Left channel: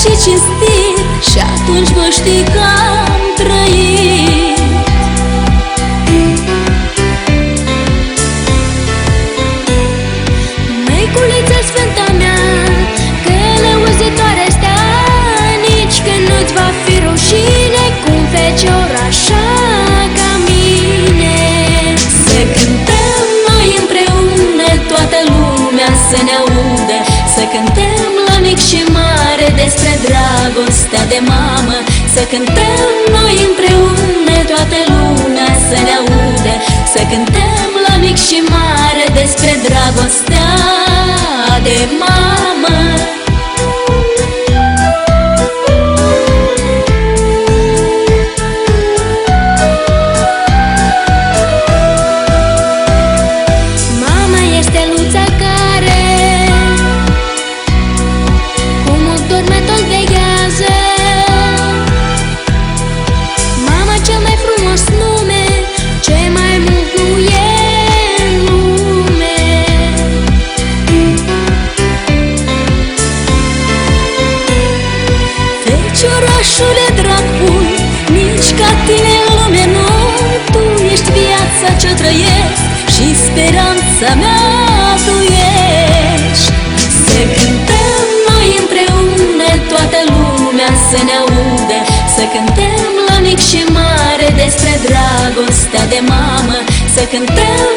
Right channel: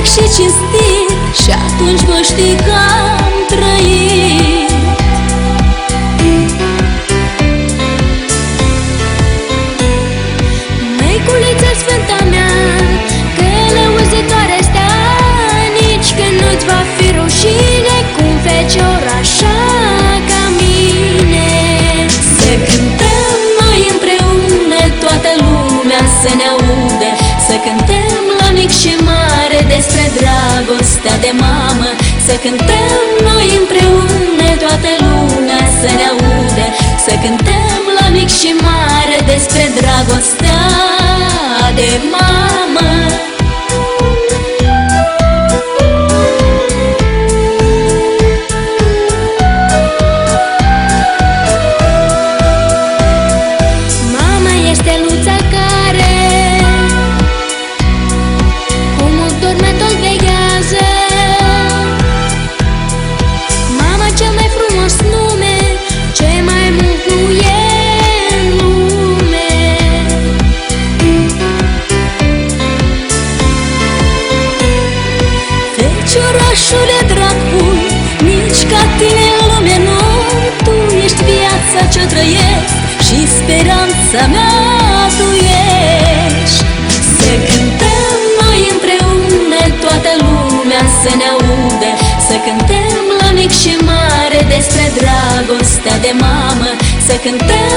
și cinstit, și atunci nu știi că am trăit. Măi, uite-ți fata mea, că muzicarea ta nici cât va fi rușine cum fecior așa ca mine. Să cântăm noi împreună, toată lumea să ne audă, să cântăm la mic și mare despre dragostea de mamă. Să cântăm noi împreună, toată lumea să ne audă, să cântăm la mic și mare despre dragostea de mamă. Mama este steluța care un turnător de casă. Mama cel mai frumos nume, cel mai mult e în lume. Feciorașule dragul, nici ca tine lume nu, tu nici viața ce trăiești și speranța mea tu ești. Să cântăm noi împreună, toată lumea să ne audă, să cântăm la mic și mare despre dragostea de mamă. Să cântăm